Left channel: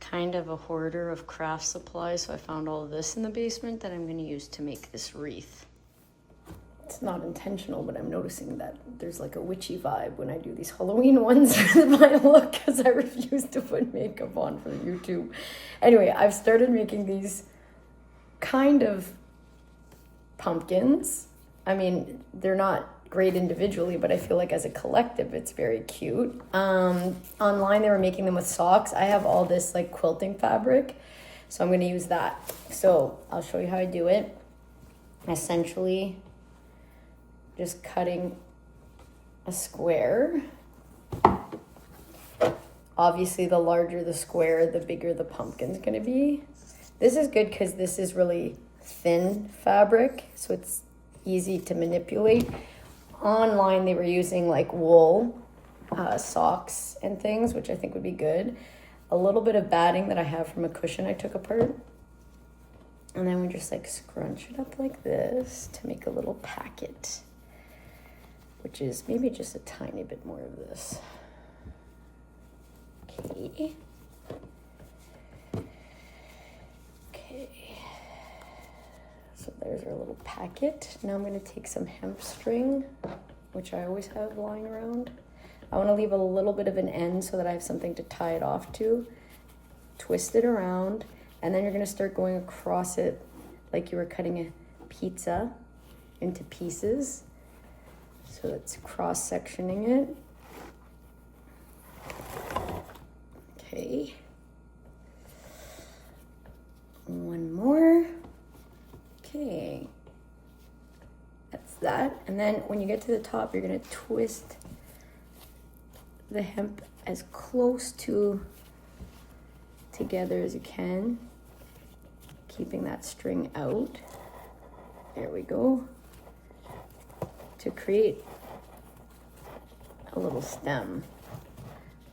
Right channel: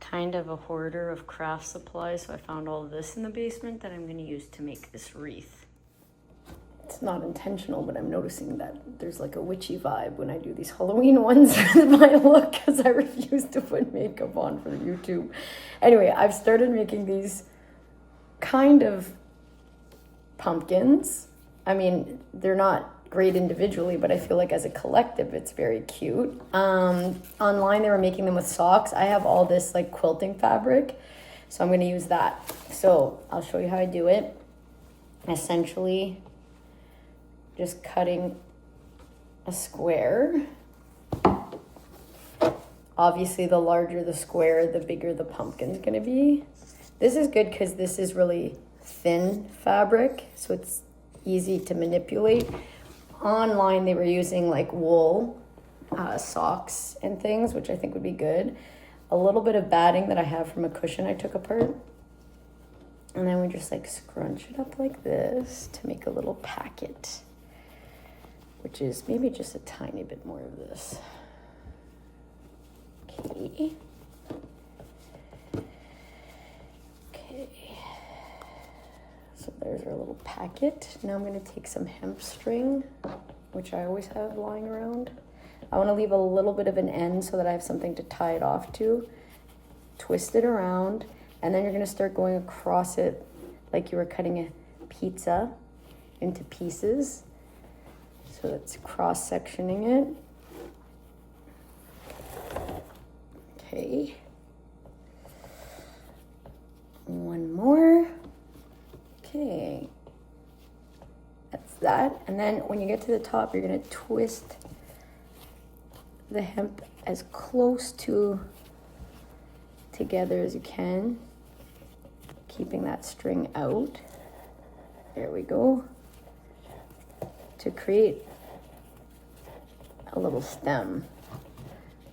kind of a hoarder of craft supplies, so I found all of this in the basement that I'm going to use to make this wreath. It's not intentional, but I'm noticing that there's like a witchy vibe when I do these Halloween ones with my look, because I refuse to put makeup on for YouTube. Anyway, I've started making these kind of pumpkins. I mean, they're not great individually, but I feel like as a collective it's very cute. Online they were making them with socks. I have all this like quilting fabric, so I'm going to use that. So I'll show you how I do it. Essentially just cutting a square. Obviously the larger the square, the bigger the pumpkin's going to be. This is good because this is really thin fabric, so it's easy to manipulate. Online they were using like wool socks and things, which I think would be good. A little bit of batting that I have from a cushion I took apart, and then we just like scrunch it up like this to make a little packet, which is maybe just a tiny bit more of this. Okay. So there's our little packet. Now I'm going to take some hemp string, which I always have lying around. I want to leave a little bit of an end so that I have something to tie it off to. Twist it around, and then you're going to start going across it like you were cutting a pizza into pieces. So that's cross-sectioning it. Okay. One more. Okay. That's that. And then when you get to the top, you're going to twist the hemp as close to together as you can, keeping that string out. There we go. To create a little stem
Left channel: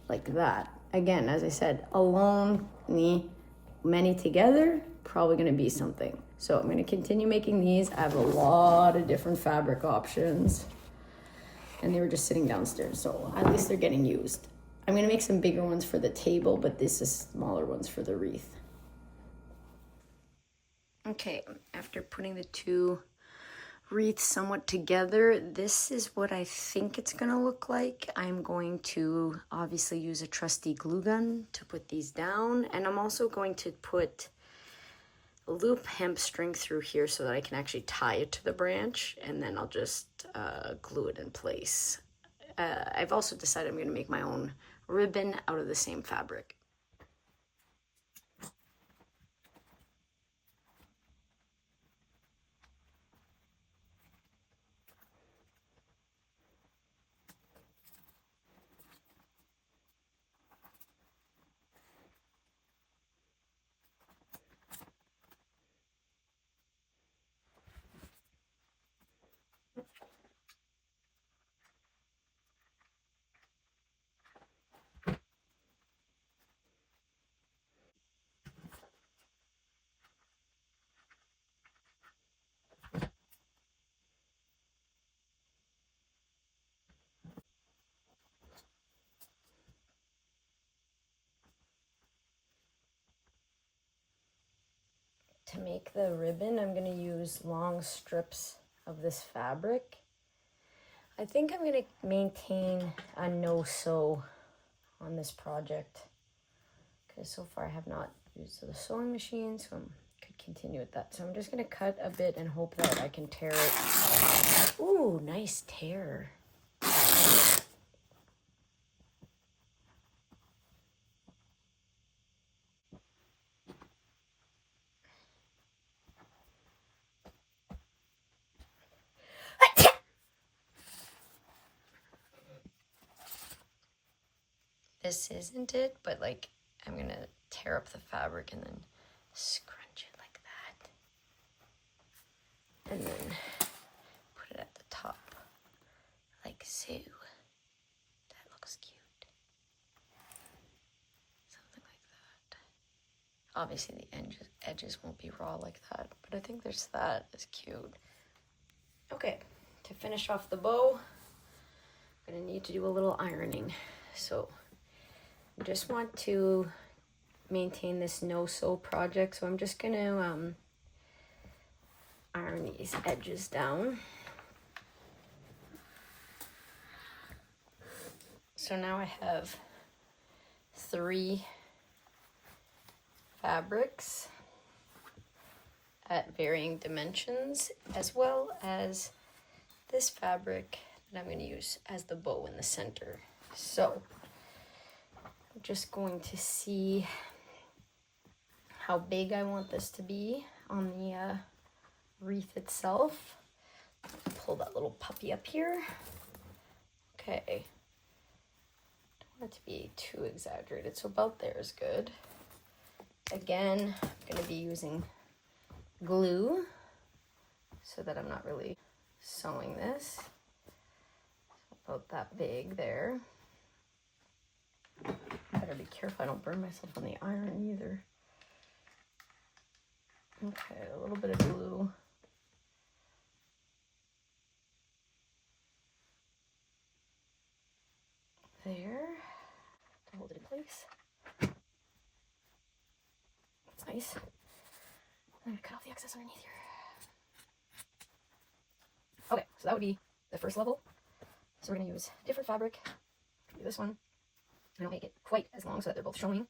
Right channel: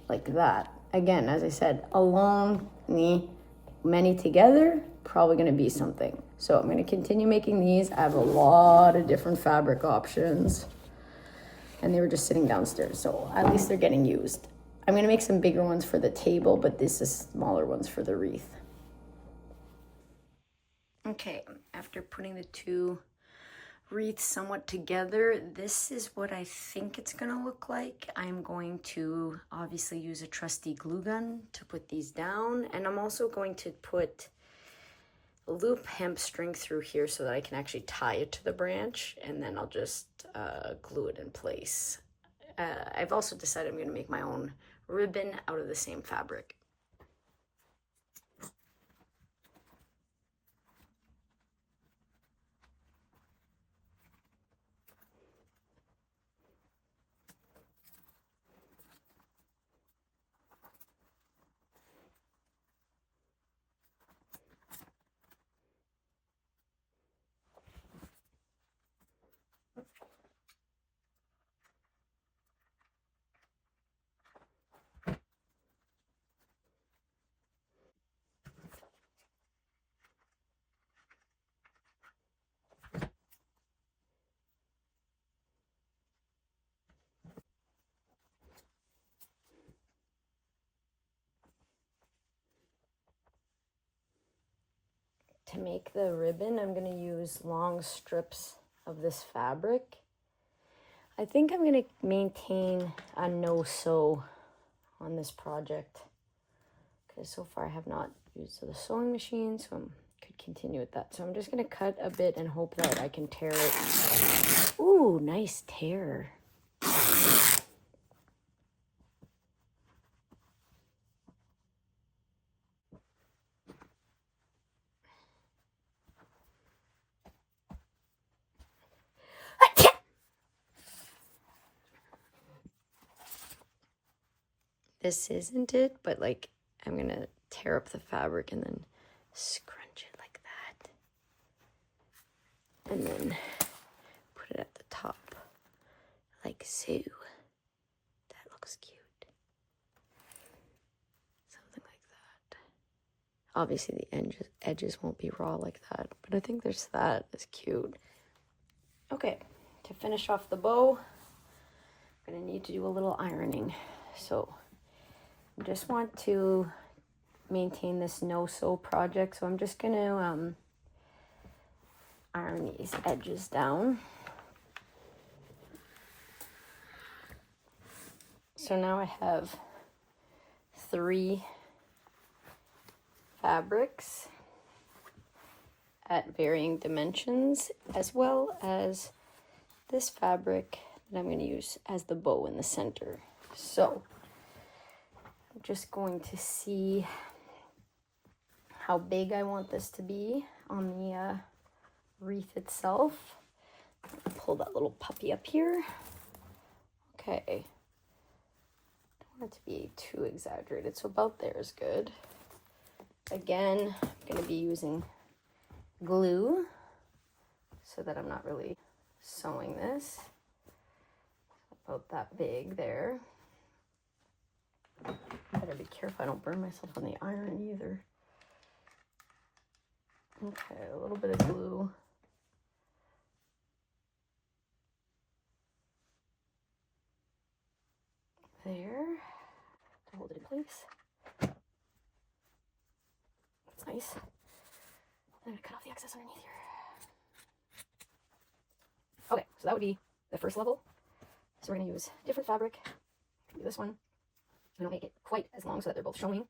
like that. Again, as I said, alone, many together, probably going to be something. So I'm going to continue making these. I have a lot of different fabric options, and they were just sitting downstairs, so at least they're getting used. I'm going to make some bigger ones for the table, but this is smaller ones for the wreath. Okay, after putting the two wreaths somewhat together, this is what I think it's going to look like. I'm going to obviously use a trusty glue gun to put these down, and I'm also going to put a loop hemp string through here so that I can actually tie it to the branch, and then I'll just glue it in place. I've also decided I'm going to make my own ribbon out of the same fabric. To make the ribbon, I'm going to use long strips of this fabric. I think I'm going to maintain a no-sew on this project, because so far I have not used the sewing machine, so I could continue with that. So I'm just going to cut a bit and hope that I can tear it. Ooh, nice tear. This isn't it, but like I'm gonna tear up the fabric and then scrunch it like that. And then put it at the top, like so. That looks cute. Something like that. Obviously the edges won't be raw like that, but I think there's that. It's cute. Okay, to finish off the bow, I'm gonna need to do a little ironing. So I just want to maintain this no-sew project, so I'm just gonna iron these edges down. So now I have 3 fabrics at varying dimensions, as well as this fabric that I'm going to use as the bow in the center. So I'm just going to see how big I want this to be on the wreath itself. Pull that little puppy up here. Okay. Don't want it to be too exaggerated, so about there is good. Again, I'm going to be using glue so that I'm not really sewing this. About that big there. Better be careful I don't burn myself on the iron either. Okay, a little bit of glue. There, to hold it in place. That's nice. I'm gonna cut off the excess underneath here. Okay, so that would be the first level. So we're gonna use different fabric. Do this one. I don't make it quite as long so that they're both showing.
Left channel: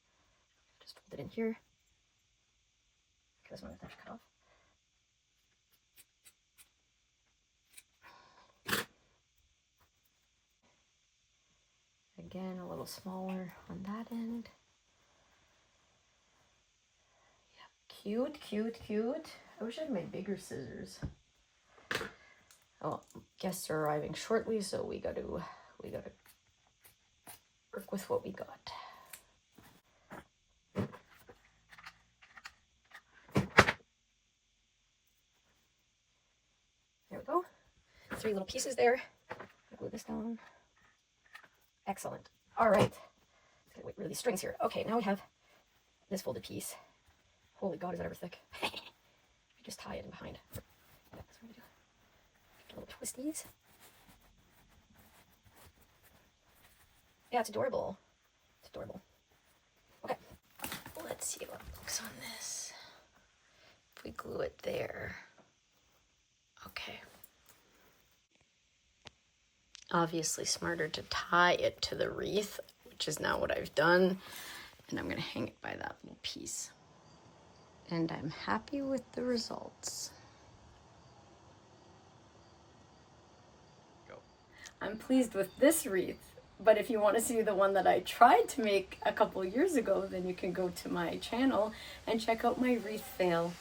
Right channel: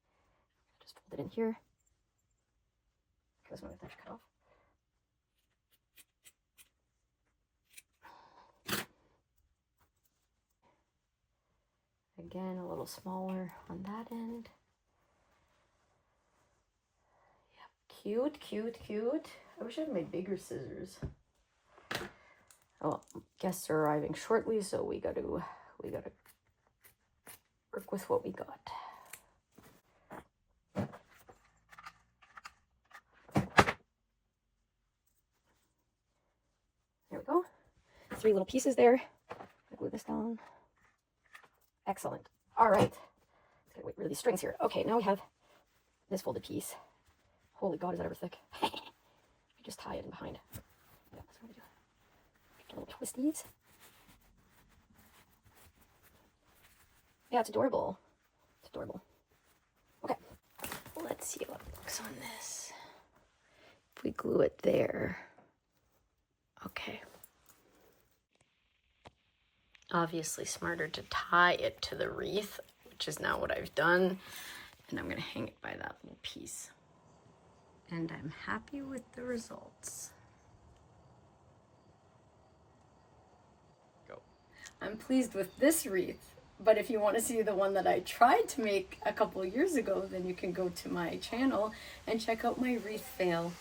Just fold it in here. Okay, this one I have to cut off. Again, a little smaller on that end. Yeah, cute, cute, cute. I wish I had made bigger scissors. Oh, guests are arriving shortly, so we gotta work with what we got. There we go. 3 little pieces there. Glue this down. Excellent. All right. Let's get rid of these strings here. Okay, now we have this folded piece. Holy God, is that ever thick? I just tie it in behind. That's what we do. Little twisties. Yeah, it's adorable. It's adorable. Okay, let's see what looks on this. If we glue it there. Okay. Obviously smarter to tie it to the wreath, which is now what I've done. And I'm going to hang it by that little piece. And I'm happy with the results. Go. I'm pleased with this wreath, but if you want to see the one that I tried to make a couple years ago, then you can go to my channel and check out my wreath fail.